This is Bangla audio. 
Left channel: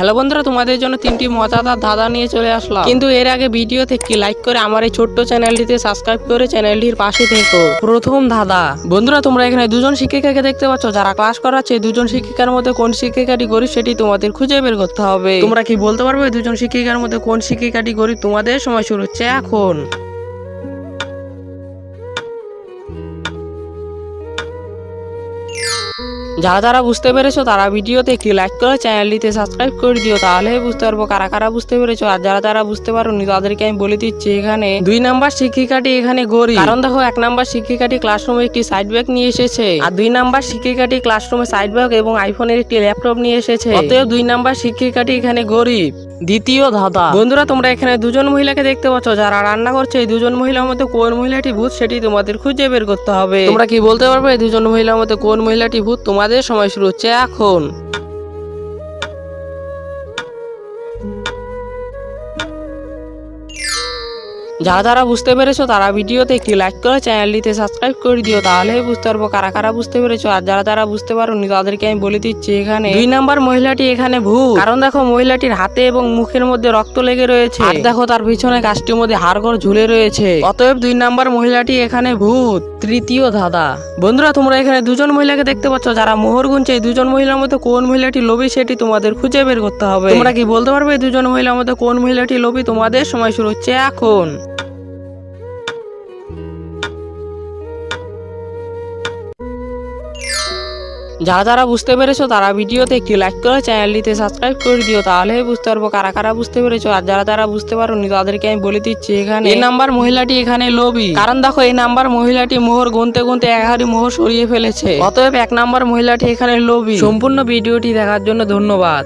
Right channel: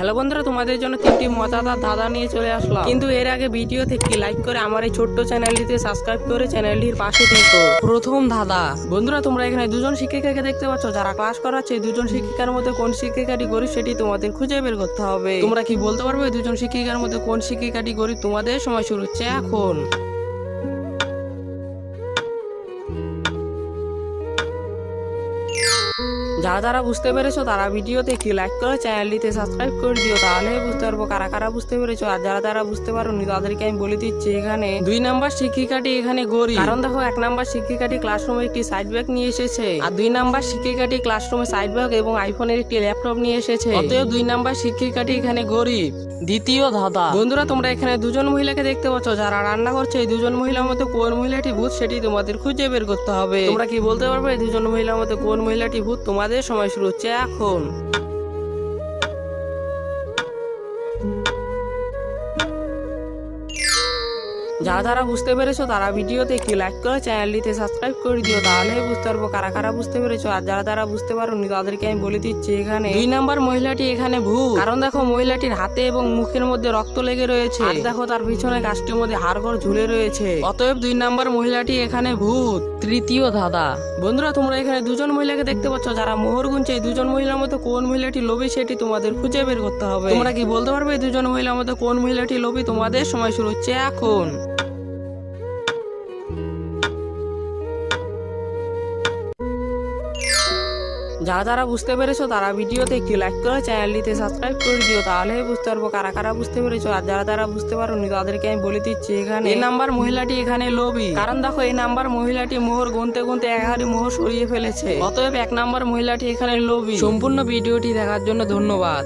হ্যালো বন্ধুরা, তোমাদের জন্য তিনটি মজাদার ধাঁধা নিয়ে চলে আসলাম। কিন্তু এর আগে ভিডিও থেকে লাইক করে আমার এই ছোট্ট চ্যানেলটিতে সাবস্ক্রাইব করে চ্যানেলটির পাশে থেকো। প্রথম ধাঁধা। বন্ধুরা, তোমরা এখানে দুজন শিক্ষিকাকে দেখতে পাচ্ছ। যারা ক্লাস করাচ্ছে দুজন শিক্ষিকার মধ্যে কোন শিক্ষিকাটি গরিব সেটি তোমাদের খুঁজে বের করতে হবে। তোমরা কি বলতে পারবে দুজন শিক্ষিকার মধ্যে কোন শিক্ষিকাটি গরিব তোমাদের সময় শুরু হচ্ছে এখন? যারা যারা বুঝতে পেরেছ তারা ভিডিওতে একটি লাইক করে চ্যানেলটিতে সাবস্ক্রাইব করে দিও তাহলে বুঝতে পারব কারা কারা বুঝতে পেরেছ। আর যারা যারা বুঝতে পারোনি, তাদেরকে আমি বলে দিচ্ছি এখানে দুই নাম্বার শিক্ষিকাটি এখানে গরিব। কারণ দেখো, এক নাম্বার শিক্ষিকাটি ক্লাসরুমে একটি সাইড ব্যাগ নিয়ে এসেছে, আর দুই নাম্বার শিক্ষিকাটি ক্লাসরুমে সাইড ব্যাগ এবং আইফোনের একটি ল্যাপটপ নিয়ে এসেছে। অতএব দুই নাম্বার শিক্ষিকাটি এখানে গরিব। দ্বিতীয় ধাঁধা। বন্ধুরা, তোমরা এখানে দুজন মহিলাকে দেখতে পাচ্ছ, যারা রান্না করছে, এই দুজন মহিলার মধ্যে কোন মহিলাটি ভূত সেটি তোমাদের খুঁজে বের করতে হবে। তোমরা কি বলতে পারবে, এই দুজন মহিলার মধ্যে কোন মহিলাটি ভূত? তোমাদের সময় শুরু হচ্ছে এখন। যারা যারা বুঝতে পেরেছ তারা ভিডিওতে একটি লাইক করে চ্যানেলটিতে সাবস্ক্রাইব করে দিও তাহলে বুঝতে পারব কারা কারা বুঝতে পেরেছ। আর যারা যারা বুঝতে পারোনি, তাদেরকে আমি বলে দিচ্ছি এখানে, দুই নাম্বার মহিলাটি এখানে ভূত। কারণ দেখো, মহিলাটির হাতে এবং মুখের মধ্যে রক্ত লেগে রয়েছে। আর দেখো, তার পিছনে গাছটির মধ্যে হাড়গড় ঝুলে রয়েছে। অতএব দুই নাম্বার মহিলাটি এখানে ভূত। তৃতীয় ধাঁধা। বন্ধুরা, তোমরা এখানে দুজন মহিলাকে দেখতে পাচ্ছ। যারা মোহর গুনছে, এই দুজন মহিলার মধ্যে কোন মহিলাটি লোভী, সেটি তোমাদের খুঁজে বের করতে হবে। তোমরা কি বলতে পারবে দুজন মহিলার মধ্যে কোন মহিলাটি লোভী? তোমাদের সময় শুরু হচ্ছে এখন। যারা যারা বুঝতে পেরেছ তারা ভিডিওতে একটি লাইক করে চ্যানেলটিতে সাবস্ক্রাইব করে দিও তাহলে বুঝতে পারব কারা কারা বুঝতে পেরেছ। আর যারা যারা বুঝতে পারোনি তাদেরকে আমি বলে দিচ্ছি এখানে এই নাম্বার মহিলাটি এখানে লোভী। কারণ দেখো এই নাম্বার মহিলাটি মোহর গুনতে গুনতে এক হাড়ি মোহর সরিয়ে ফেলেছে। অতএব এক নাম্বার মহিলাটি এখানে লোভী। সম্পূর্ণ ভিডিওটি দেখার জন্য ধন্যবাদ।